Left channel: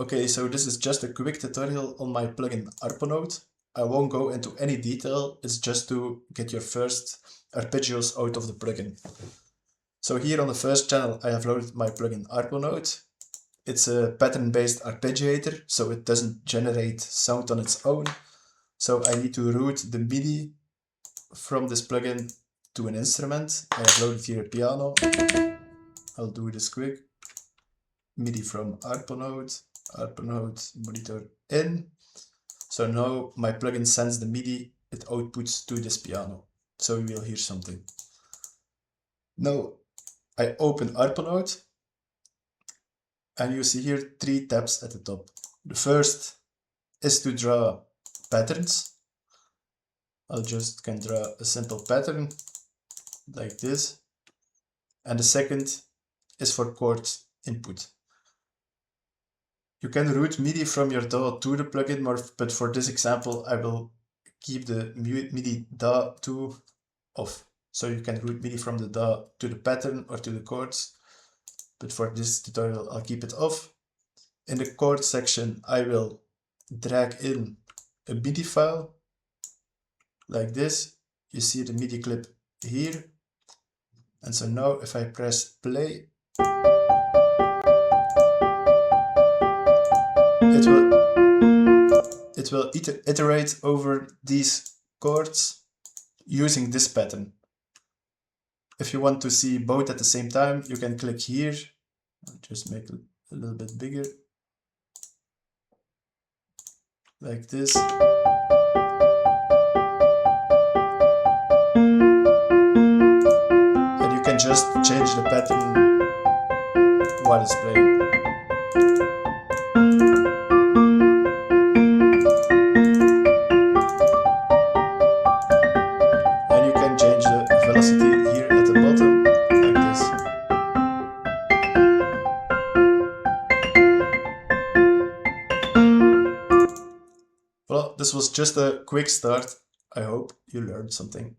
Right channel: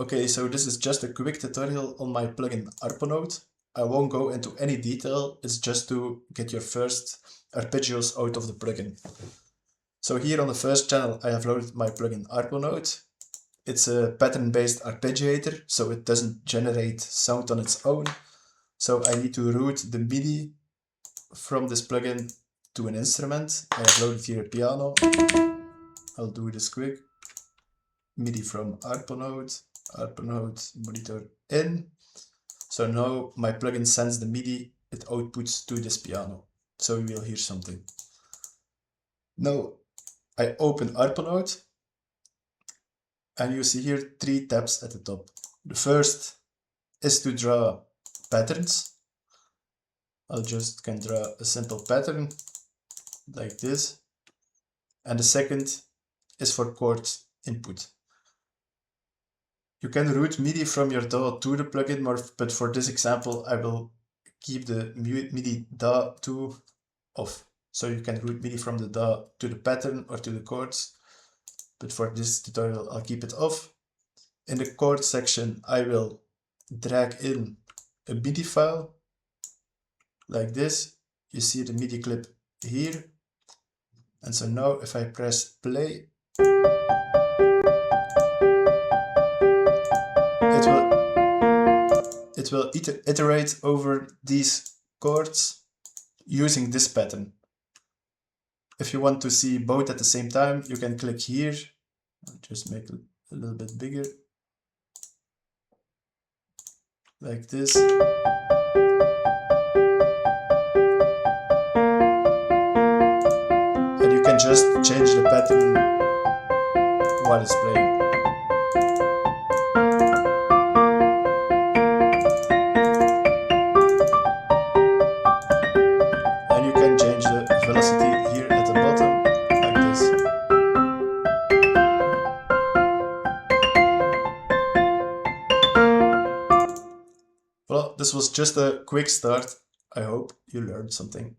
Okay, so this is just a quick tutorial on my plugin Arponaut. I won't go into any detail, it's just to get your first arpeggios out of the plugin. So here on the first channel I have loaded my plugin Arponaut. It's a pattern-based arpeggiator, so it doesn't generate sound on its own. So I need to route the MIDI from this plugin to an instrument. I have loaded here a piano. I'll do this quick. MIDI from Arponaut, Arponaut monitor in. So now my plugin sends the MIDI, it outputs to this piano. So we will hear something. Now I open Arponaut and you see here 3 tabs at the top. The first is to draw patterns. I'll just can draw a simple pattern like this. And the second is for chord input. You can route MIDI from your DAW to the plugin, but for this example I will keep the MIDI DAW to off. So you can route MIDI from the DAW to the pattern or to the chords, but for this tutorial I'll keep it off. In the chord section I will drag in a MIDI file like this. You see the MIDI clip here. And so now if I press play, it will iterate over these chords using this pattern. If you want to see both at the same time, you can click here. I'll just make it a little bit bigger. Like this. And you can just change the pattern while it's playing. And you can change the velocity here at the bottom, like this. Well, this was just a quick start. I hope you learned something.